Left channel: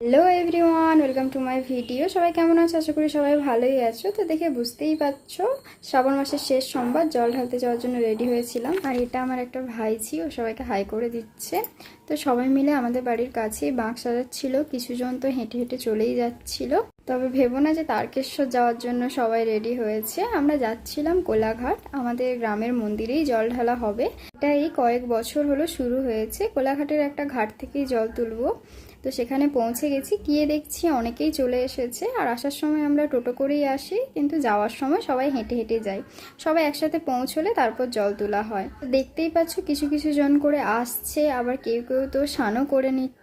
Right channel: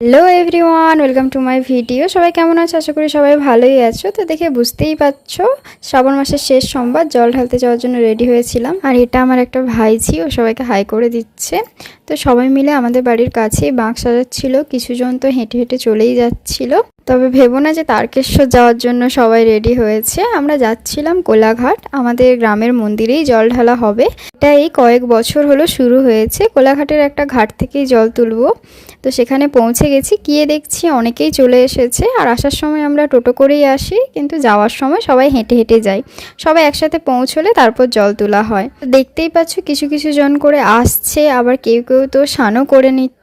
Hello everyone welcome to my video সবাই কেমন আছো? আশা করি সবাই ভালোই আছো। তো দেখে বুঝতেই পারছ, শ্রাবণ মাসের শেষ সোমবার, জল ঢালতে যাওয়ার জন্য রেডি হয়েছিলাম। আর এটা আমার একটা ভাইঝি ও সবাইকে হাই করে দিচ্ছে। তো সবাই মিলে আমাদের বাড়ির কাছেই বাঁক সাজাচ্ছিল, কিছুজন তো হেঁটে হেঁটে চলেই যাচ্ছিল। তবে ভেবো না যে তারকেশ্বর যাওয়ার জন্য সবাই রেডি হয়েছে। আমরা যাচ্ছিলাম কোলাঘাট। আমাদের গ্রামের মন্দিরেই জল ঢালা হবে। এটা এই কয়েক বছর হলো শুরু হয়েছে। কোলাঘাটের একটা ঘাট থেকেই জল তুলবো। তো সেখানে পৌঁছে গেছি। গিয়ে দেখছি অনেকেই চলে এসেছে। আর আসার সময় আমরা টোটো করেই আসি। কিন্তু যাওয়ার সময় সবাই হেঁটে হেঁটে যাই। সবাই একসাথে পৌঁছলে তারপর জল তোলা হয়। দেখতেই পাচ্ছ, কিছু কিছু জন করে আসছে। আবার কেউ কেউ তো স্নানও করে নিচ্ছে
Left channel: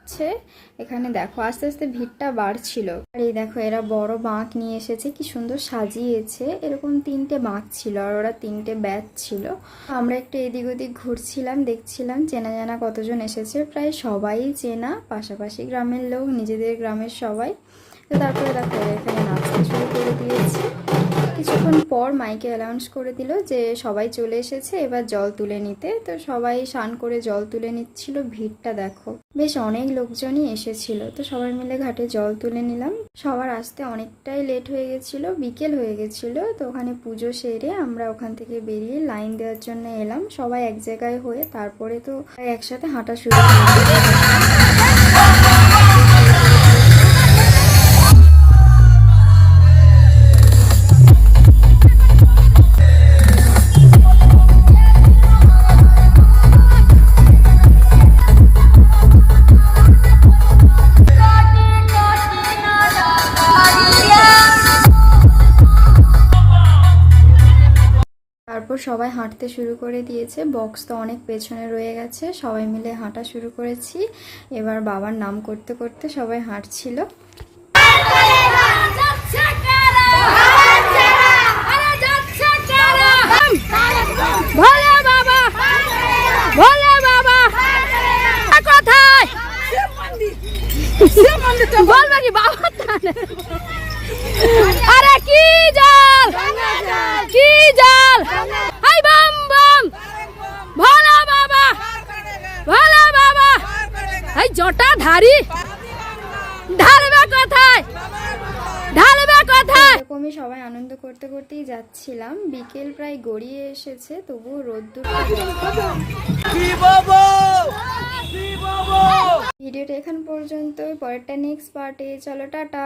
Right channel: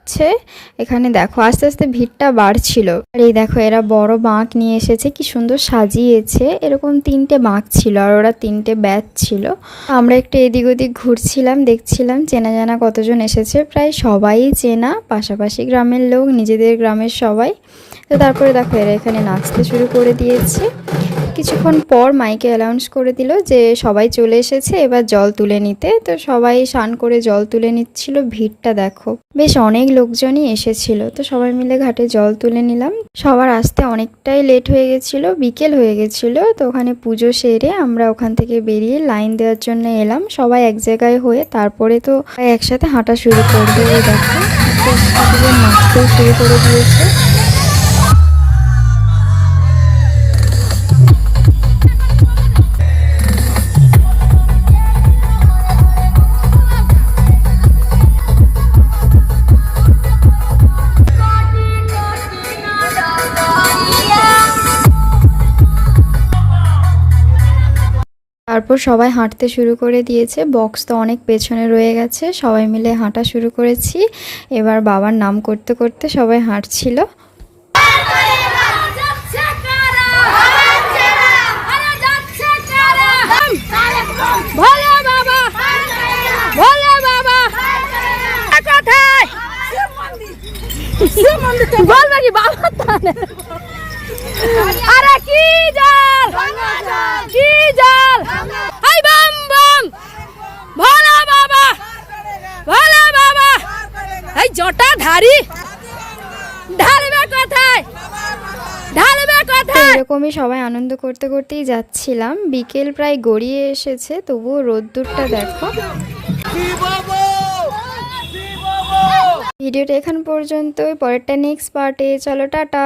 এখানে দেখো, আস্তে আস্তে ভিড়টা বাড়ছিল। আর এই দেখো, এরা বড় বাঁক নিয়ে এসেছে, কি সুন্দর সাজিয়েছে। এরকম তিনটে বাঁক ছিল আর ওরা তিনটে ব্যাচ ছিল। আমরা একটু এদিক ওদিক ঘুরছিলাম, দেখছিলাম চেনা জানা কতজন এসেছে, প্রায় সবাই চেনা, পাশাপাশি গ্রামের লোক, নিজেদের গ্রামের সবাই। তো তারপরে দেখো, এরা এখানে নাচতে শুরু করে দিয়েছে। কিছুক্ষণ পর মাইকে অ্যানাউন্স করে দিল যে সবাই চলে এসেছে, এবার জল তুলে নিতে। তো সবাই স্নান করে জল তুলে নিচ্ছিল, ভিড়টা দেখো। বেশ অনেক লোকজনই এসেছিল। তো সবাই মিলে ঘাটে জল তুলে নিলাম। সবার আসতে অনেকটাই লেট হয়ে গেছিল, বিকেল হয়ে গেছিল। তো ওখানে পুজো সেরে আমরা ওখান থেকে বেরিয়ে লাইন দেওয়ার জন্য এলাম। সবাই এক জায়গায় হয়ে তারপরে তো একসাথে হাঁটা শুরু করে তারপর সবাই হাঁটতে শুরু করে দিয়েছে। বক্স তো অনেক পেছনে রয়ে গেছে। সবাই মিলে হাঁটা শুরু করেছি। এবার বাবার নাম করতে করতে সবাই হাঁটছিল। আরে কি জল? কি জল? এই জটা ধারি। ঢালবে কোথায়? ঢালবে কোথায়? এরকমই সবাই আনন্দ করতে করতেই যাচ্ছিলাম। বিকেল প্রায় গড়িয়ে এসেছে, তবুও রোদ্দুরটা দেখো। ভিডিওটা এখান পর্যন্ত পরেরটা নেক্সট পার্টে চলো, টাটা।